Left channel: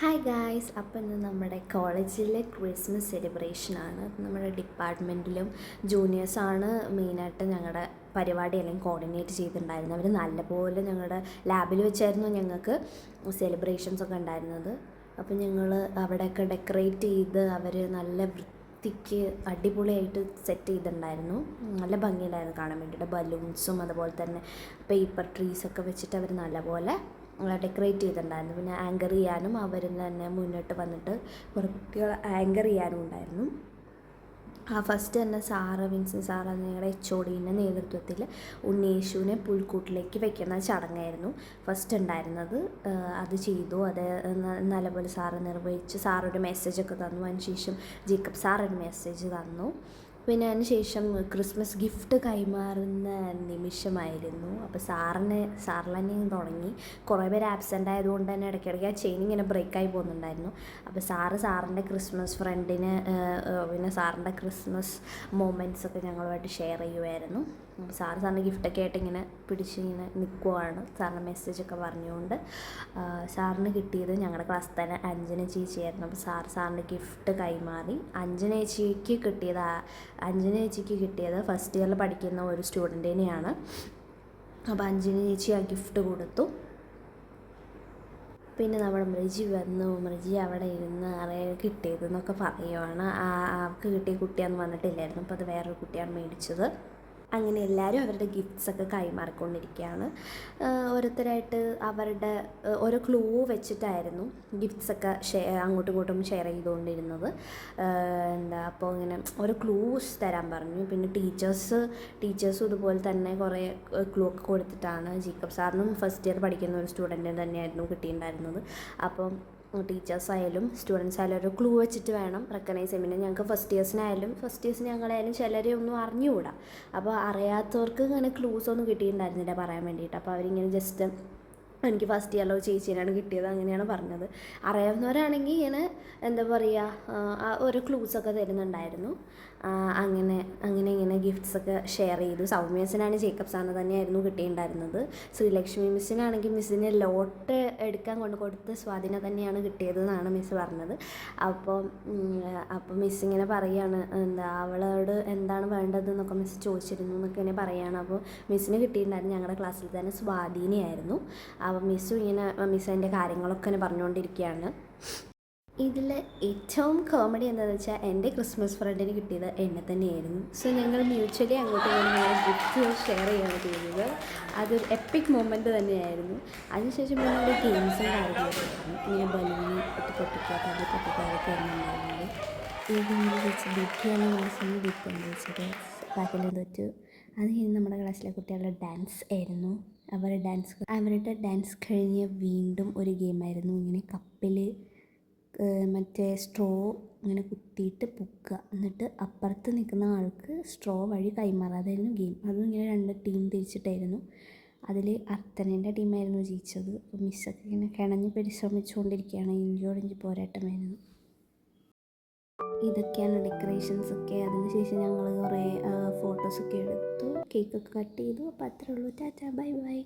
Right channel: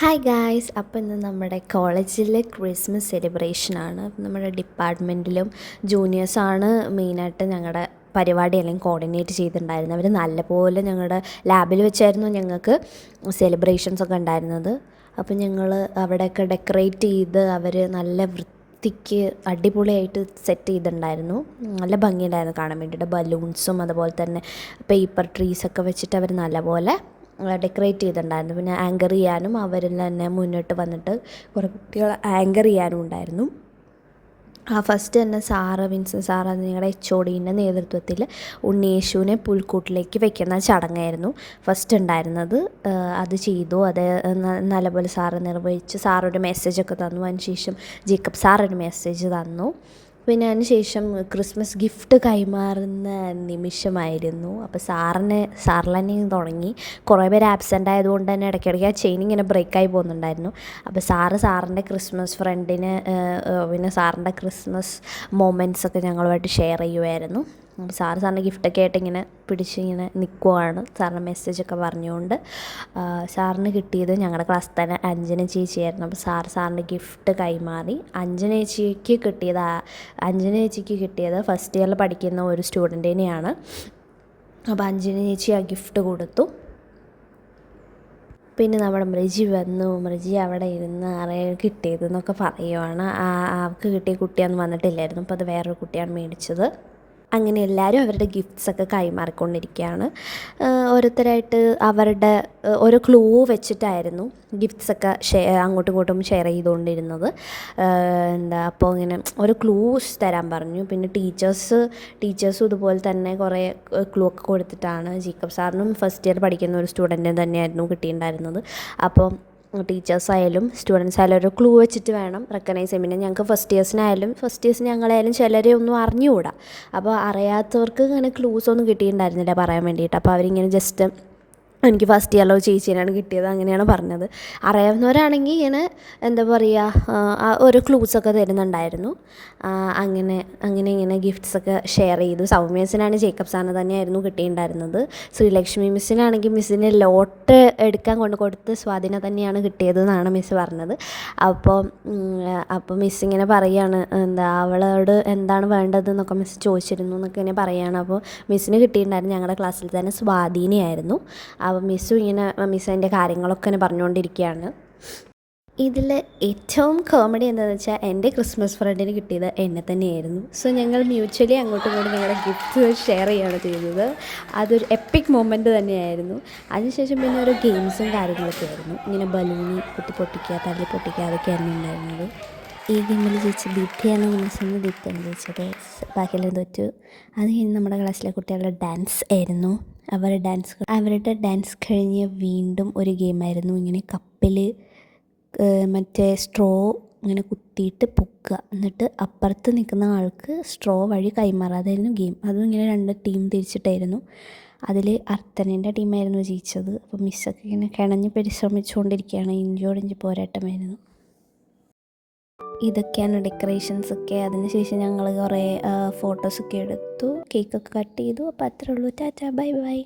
Hi guys, അപ്പോൾ ഇന്ന് നമ്മുടെ കോളേജിലെ ക്രിസ്മസ് സെലിബ്രേഷനാണ്. നമ്മുടെ ഡിപ്പാർട്ട്മെൻറ്റിലും ജൂനിയേഴ്സാണ് മെയിനായിട്ട് ഞങ്ങളുടെ പരിപാടി അല്ലെങ്കിൽ കോർഡിനേറ്റ് ചെയ്തിട്ടുണ്ടായിരുന്നത്. അവർ നല്ലപോലെ ഞങ്ങളുടെ ലാബിൽ വെച്ചായിരുന്നു ഞങ്ങൾക്ക് സെലിബ്രേഷൻസ് ഒക്കെ ഉണ്ടായിരുന്നത്. അപ്പോൾ ഞങ്ങൾ അവിടെയൊക്കെ ഡെക്കറേറ്റ് ചെയ്ത് അവർ നല്ല വൃത്തിക്ക് അടിപൊളിയായിട്ട് സെറ്റ് ചെയ്തിട്ടുണ്ടായിരുന്നു. നല്ല ഭംഗിയുണ്ടായിരുന്നു കാണാൻ വേണ്ടിയിട്ട്. ബലൂൺസും അതുപോലെ തന്നെ പേപ്പർ ട്രീസൊക്കെ വെച്ചിട്ട് അവർ നല്ലപോലെ ഡെക്കറേറ്റ് ചെയ്തിട്ടുണ്ടായിരുന്നു. പിന്നെ ആങ്കർ ചെയ്യാനും അവരിൽ തന്നെ മുന്നോട്ട് വന്നിട്ട് കുറേ കുട്ടികൾ ആങ്കർ ചെയ്യാനും ഉണ്ടായിരുന്നു. ഫസ്റ്റ് തന്നെ വിൻസൻ സാറ് ഞങ്ങളുടെ HODൻ്റെ നേതൃത്വത്തിൽ ഉണ്ണിയേശുവിനെ പുൽക്കൂട്ടിലേക്ക് വെക്കുന്ന ചടങ്ങായിരുന്നു ഫസ്റ്റ് ഉണ്ടായിരുന്നത്. അത് ചെയ്തു. അത് നല്ലപോലെ സാറ് നിർവഹിച്ച് സാറൊരു മെസ്സേജൊക്കെ തന്നു. അതിനുശേഷം ജേക്കബ് സാറൊരു മെസ്സേജ് തന്നു. പിന്നെ അതിന് ശേഷം ക്രിസ്മസ് ഗിഫ്റ്റ് കൈമാറുന്ന നിമിഷമായിരുന്നു. അപ്പോൾ സാറിൽ തന്നെ തുടങ്ങി. കുറേ പേര് ആബ്സെൻ്റ് ആയതുകൊണ്ട് തന്നെ ഇടയ്ക്കിടയ്ക്ക് ആ ചെയിൻ ഇങ്ങനെ ബ്രേക്കായി പോകുന്നുണ്ടായിരുന്നു. അപ്പോൾ സാറിൻ്റെ ക്രിസ്മസ് ഫ്രണ്ടിന് പിന്നെ സാറിൻ്റെ ക്രിസ്മസ് മൊമെൻറ്റ്സൊക്കെ ഞങ്ങളുമായിട്ട് ഷെയർ ചെയ്യുമായിരുന്നു. അപ്പോൾ സാറിൻ്റെ ഗിഫ്റ്റൊക്കെ ആയിട്ട് ഇങ്ങനെ പിടിച്ചിങ്ങനെ നിൽക്കുവാണ്, സാറിൻ്റെ മെസ്സേജൊക്കെ പറഞ്ഞുകൊണ്ട്. സാറിന് കിട്ടിയത് ഞങ്ങളുടെ ക്ലാസ്സിൽ തന്നെ അഞ്ജന ചേച്ചിയായിരുന്നു. അപ്പോൾ സാറിൻ്റെ ഗിഫ്റ്റ് കൈമാറി. അഞ്ജന ചേച്ചിക്ക് കിട്ടിയത് ഫസ്റ്റ് ഇയറിൽ പഠിക്കുന്ന ഒരു സ്റ്റുഡൻറ്റിനെയാണ്. അപ്പോൾ അഞ്ജന ചേച്ചി ആ ഗിഫ്റ്റ് കൊടുത്തു. പിന്നെ നമ്മുടെ മൃജി വന്നു. മൃജി അവിടെ ഇരുന്ന് കിട്ടിയതെന്നൊക്കെ പറയുവാണ്. അവൾക്ക് കിട്ടിയ കുട്ടിയൊന്നും വന്നിട്ടില്ലായിരുന്നു. അപ്പോൾ അത് വേറൊരു കുട്ടിയാണ് മേടിച്ചത്. അങ്ങനെ എല്ലാവരും അവരുടെ ഗിഫ്റ്റ്സൊക്കെ കൈമാറിക്കൊണ്ടിരിക്കുകയാണ്. ഓരോരുത്തരായിട്ട് അവരുടെ ഓരോ ക്ലൂ വെച്ചിട്ടായിരുന്നു ഗിഫ്റ്റ്സൊക്കെ അങ്ങോട്ടും ഇങ്ങോട്ടും ഷെയർ ചെയ്തുകൊണ്ടിരുന്നത്. അപ്പോൾ ഇങ്ങനെ ഓരോ ക്ലൂസ് തരാൻ പറഞ്ഞു. പിന്നെ ടീച്ചേഴ്സും ഇതുപോലെ തന്നെ കുറേ ക്ലൂ ഒക്കെ കൊടുത്തിട്ടാണ്. ജേക്കബ് സാറിനും ഫസ്റ്റ് ഇയർ പഠിക്കുന്ന ഒരു സ്റ്റുഡൻറ്റിന് തന്നെയായിരുന്നു കിട്ടിയിട്ടുണ്ടായിരുന്നത്. അപ്പം ടീച്ചേഴ്സായാലും സ്റ്റുഡൻസ് ആയാലും ഒരു ക്ലൂ വെച്ചിട്ട് വേണം റെക്കഗ്നൈസ് ചെയ്യാൻ. പിന്നെ ഞങ്ങൾക്ക് ഫസ്റ്റ് ഇയേഴ്സിന് ഞങ്ങളായാലും ചിലരെ ഒന്നും അറിഞ്ഞുകൂടാ. അപ്പോൾ അറിയാത്തവർക്ക് ഇങ്ങനെ ക്ലൂസ് ഒന്നും കിട്ടിയിട്ടുണ്ടായിരുന്നില്ല പറയാൻ വേണ്ടിയിട്ട്. അപ്പോൾ അവരിങ്ങനെ ജസ്റ്റ് എനിക്ക് ഫസ്റ്റ് ഇയറിലോ ചേച്ചീനാണ് കിട്ടിയത് അങ്ങനെയാണ് പറഞ്ഞത്. അറിയാവുന്നവരാണെങ്കിൽ ഇങ്ങനെ എന്താ പറയുക ഓരോ ക്ലൂസൊക്കെ തരുന്നുണ്ടായിരുന്നു. ഇങ്ങനെ ഗിഫ്റ്റ്സൊക്കെ ഷെയർ ചെയ്തു. സൗമ്യസിനാണ് ജേക്കബ് സാറിന് തന്നെയായിരുന്നു കിട്ടിയിട്ടുണ്ടായിരുന്നത്. ശ്രീലക്ഷ്മി മിസ്സിനാണെങ്കിൽ മിസ്സിന് ലോട്ട് എടുക്കാൻ കൊടുത്ത് സ്വാധീനം തന്നെയാണ് കിട്ടിയതെന്നാണ് മിസ്സ് പറഞ്ഞത്. അപ്പോൾ മിസ് ഇങ്ങനെ പറയുകയാണ്, അവളോട് എന്താണ് വേണ്ടതെന്നൊക്കെ മിസ് ചോദിച്ചിരുന്നു എന്നൊക്കെ ഇങ്ങനെ പറയുകയാണ്. അപ്പോൾ മിസ്സിന് കിട്ടിയിട്ടുണ്ടായിരുന്നു ഞങ്ങളുടെ ക്ലാസ്സിൽ തന്നെ സ്വാധീനമായിരുന്നു. അപ്പോൾ മിസ്സ് അതിൻ്റെ കാര്യങ്ങളൊക്കെ ഇങ്ങനെ പറഞ്ഞുകൊണ്ടിരിക്കുകയാണ്. ഇതിൽ ഏറ്റവും കോമഡി എന്താണെന്ന് വെച്ചാൽ എൻ്റെ ക്രിസ്മസ് ഫ്രണ്ടിന് കിട്ടിയത് എന്നെ തന്നെയായിരുന്നു. സോ ഞങ്ങൾ മ്യൂച്വലി അങ്ങോട്ടും ഇങ്ങോട്ടും ഞങ്ങളുടെ ഗിഫ്റ്റ്സ് ഷെയർ ചെയ്യുകയാണ് ചെയ്തത്. അതൊരു എപ്പിക് മൊമെൻറ്റ് തന്നെയായിരുന്നു. അതിനുശേഷം പിന്നെ ഓരോ ഗെയിംസും കാര്യങ്ങളൊക്കെ ആയിരുന്നു. ഇങ്ങനെ ബലൂണ് പൊട്ടിക്കുക, തല്ലി പൊട്ടിക്കുക, അതൊക്കെയായിരുന്നു ഉണ്ടായിരുന്നത്. ഈ ഗെയിമിൽ ജയിച്ച് ബിറ്റിയാണ് വിളിച്ചെന്ന് ബിറ്റാണ് ജയിച്ചത്. ബാക്കിയെല്ലാം തോറ്റു. അത് കഴിഞ്ഞ് നമ്മുടെ ക്ലാസ്സിലെ കുട്ടികളുടെ ഡാൻസ് ആയിരുന്നു. അവരുടെ ഡാൻസ് കഴിഞ്ഞ് വീണ്ടും ഒരു ഗെയിമായിരുന്നു. ഇങ്ങനെ കപ്പിൽ മറ്റേ സ്ട്രോ ഇങ്ങനെ കുത്തിയിട്ട് പൊക്കുക, എന്നിട്ട് അപ്പുറത്ത് നിൽക്കുന്ന ആൾക്ക് സ്ട്രോ വഴി കൈമാറാതായിരുന്നു ഗെയിം. അതും ഇങ്ങനെ 2 ടീം തിരിച്ചിട്ടായിരുന്നു. അതിൽ അർത്തനേൻ്റെ ടീമായിരുന്നു ജയിച്ചത്. അപ്പോൾ മിസ്സൊക്കെ ഇങ്ങനെ കിണഞ്ഞ് പരിശ്രമിച്ചുകൊണ്ടിരിക്കുകയാണ്. ഇഞ്ചോടിഞ്ച് പോരാട്ടമായിരുന്നു. ഇതൊക്കെയാണ് ഡെക്കറേഷൻസൊക്കെ. അതിനുശേഷം ഞങ്ങൾ കുറേ ഫോട്ടോസൊക്കെ എടുത്തു, കേക്കൊക്കെ കട്ട് ചെയ്തു. അപ്പോൾ അത്രേ ഉള്ളൂ. Tata, bye bye.